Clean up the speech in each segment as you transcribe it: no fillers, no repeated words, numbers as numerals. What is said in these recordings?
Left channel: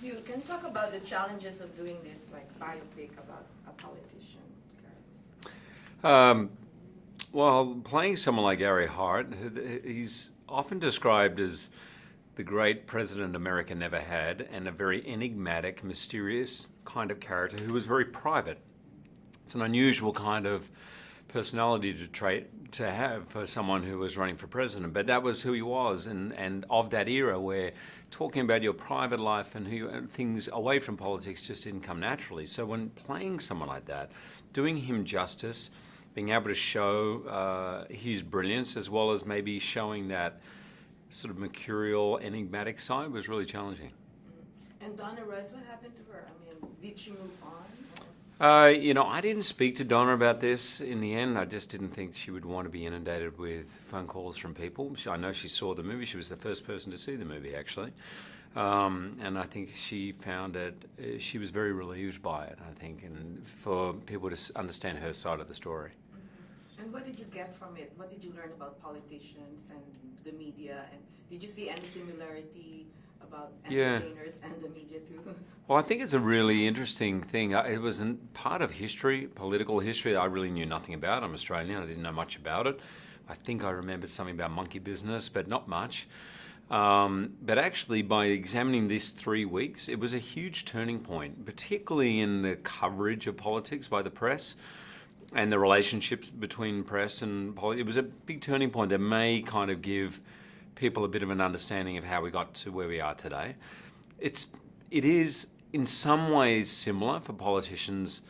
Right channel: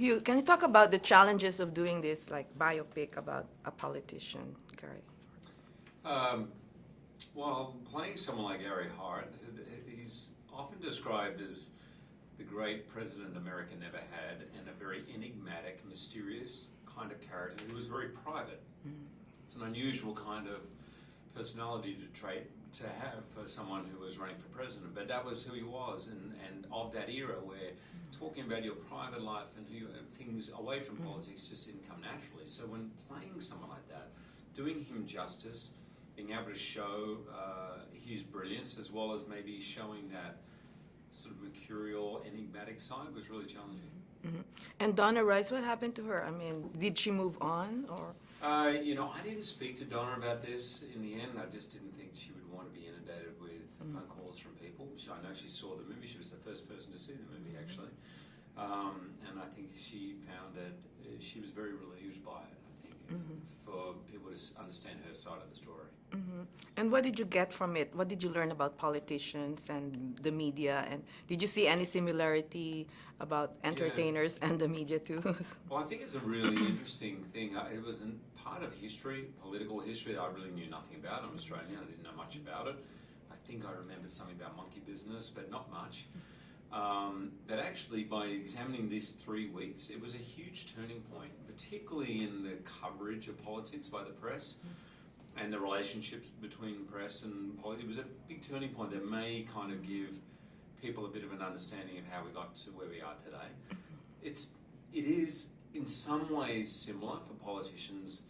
Hugh, can you talk about the challenges of doing this, like biopic about a politician, Gary? Um, well, playing someone like Gary Hart, he's often described as the great president America never had, and a very enigmatic, mysterious kind of character who was very private. It's an unusual kind of personality trait to have for someone who was running for president, but that was who he was, and of that era where talking about your private life and things away from politics just didn't come naturally. So when playing someone like that, doing him justice, being able to show his brilliance as well as maybe showing that sort of mercurial, enigmatic side was really challenging. And Donna Rice, what happened to her? I mean, did she move on or? I didn't speak to Donna about this in the end. I just didn't think she would want to be inundated with phone calls from people. I know she saw the movie. She was the first person to see the movie, actually. And I think she found it, she was very relieved by it, I think, and for people to understand her side of the story. And what did you get from it? What did you learn about politicians and the media? And did you see any similarity about entertainers and the media too? Well, I think it's a really interesting thing. It was part of history, political history, that I really knew nothing about. I'm Australian. I didn't know much about it. I think I remembered something about monkey business, but not much. But actually, by examining this 3 weeks, it was a huge turning point, particularly in the coverage of politics by the press and the relationships between press and politics. It was a big turning point that may kind of give people a bit of an understanding of how we got to where we are today. It is in some ways similar for politicians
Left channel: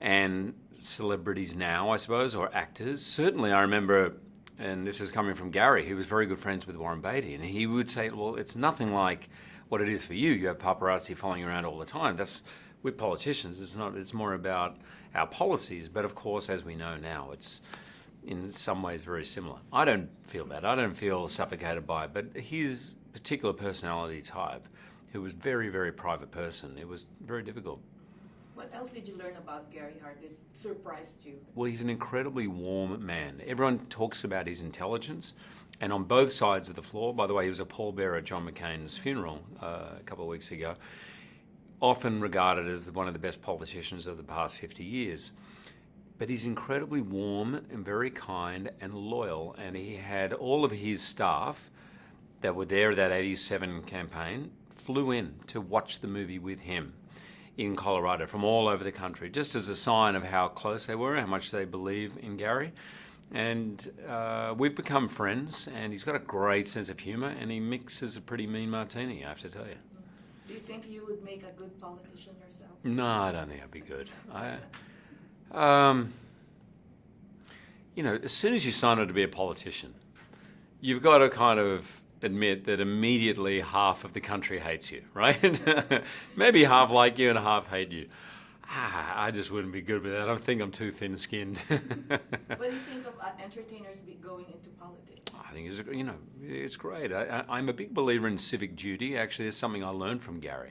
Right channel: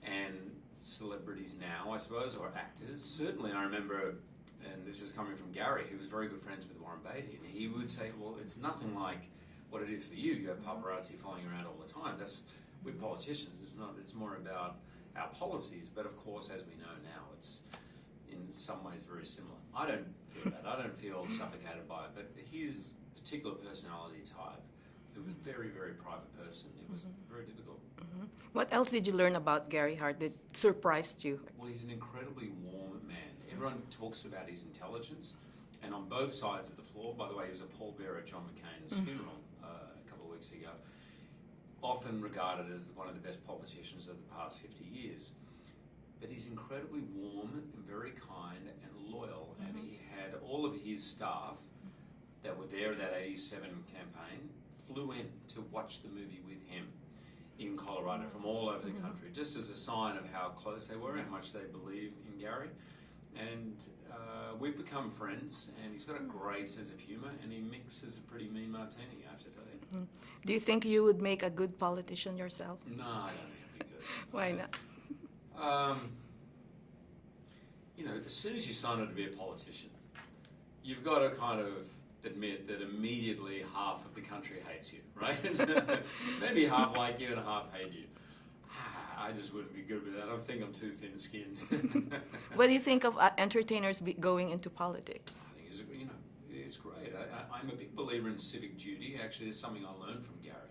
and celebrities now, I suppose, or actors. Certainly I remember, and this is coming from Gary, who was very good friends with Warren Beatty, and he would say, well, it's nothing like what it is for you. You have paparazzi following you around all the time. That's with politicians. It's more about our policies. But of course, as we know now, it's in some ways very similar. I don't feel that. I don't feel suffocated by it. But his particular personality type, who was very, very private person, it was very difficult. What else did you learn about Gary Hart that surprised you? Well, he's an incredibly warm man. Everyone talks about his intelligence, and on both sides of the floor. By the way, he was a pallbearer at John McCain's funeral a couple of weeks ago. Often regarded as one of the best politicians of the past 50 years. But he's incredibly warm and very kind and loyal, and he had all of his staff that were there at that 87 campaign flew in to watch the movie with him in Colorado from all over the country, just as a sign of how close they were, how much they believe in Gary. And we've become friends, and he's got a great sense of humor, and he mixes a pretty mean martini, I have to tell you. Do you think you would make a good politician yourself? No, I don't think I'd be good. Why not? As soon as you sign up to be a politician, you've got to kind of admit that immediately half of the country hates you, right? Maybe half like you and half hate you. I just wouldn't be good with that. I think I'm too thin-skinned. What do you think of entertainers going into politics? I think it's great. I'm a big believer in civic duty. Actually, it's something I learned from Gary.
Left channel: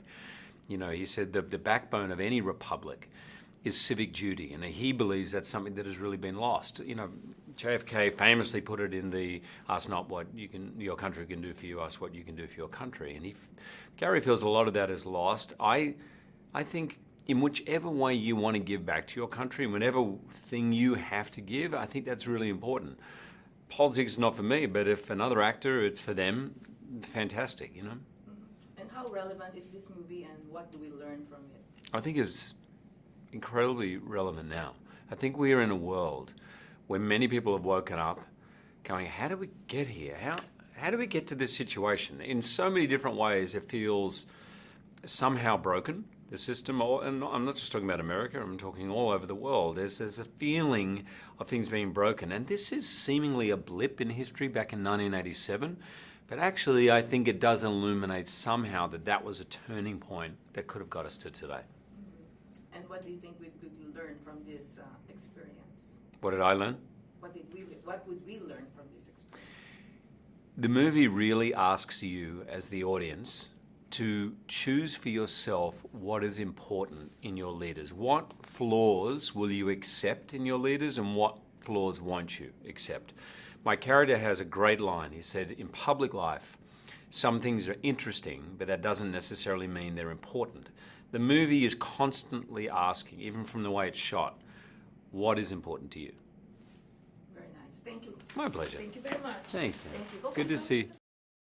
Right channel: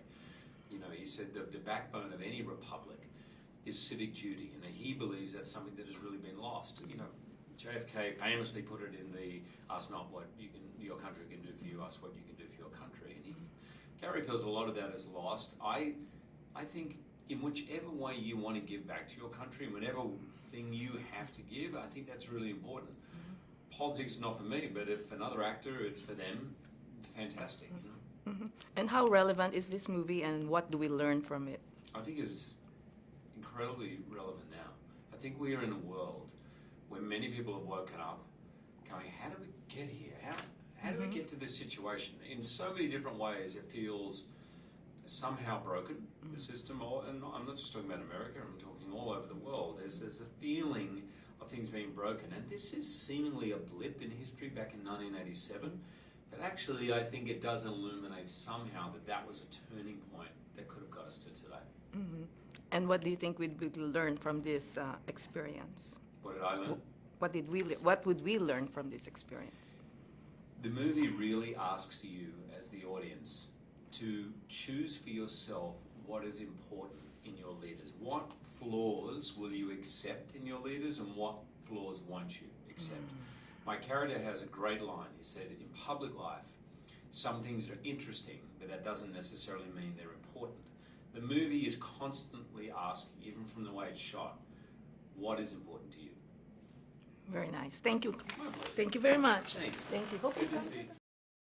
He said the backbone of any republic is civic duty, and he believes that's something that has really been lost. JFK famously put it in the "Ask not what your country can do for you, ask what you can do for your country." And Gary feels a lot of that is lost. I think in whichever way you want to give back to your country, whatever thing you have to give, I think that's really important. Politics is not for me, but if another actor, it's for them, fantastic, And how relevant is this movie, and what do we learn from it? I think it's incredibly relevant now. I think we are in a world where many people have woken up going, how do we get here? How do we get to this situation? In so many different ways, it feels somehow broken, the system, and I'm not just talking about America, I'm talking all over the world. There's a feeling of things being broken, and this is seemingly a blip in history back in 1987, but actually I think it does illuminate somehow that was a turning point that could have got us to today. And what do you think we would learn from this experience? What did I learn? What would we learn from this experience? The movie really asks you as the audience to choose for yourself what is important in your leaders. What flaws will you accept in your leaders, and what flaws won't you accept? My character has a great line. He said, in public life, some things are interesting, but that doesn't necessarily mean they're important. The movie is constantly asking, even from the way it's shot, what is important to you? Very nice. Thank you. My pleasure. Thank you very much. Thanks. Thank you. Good to see you.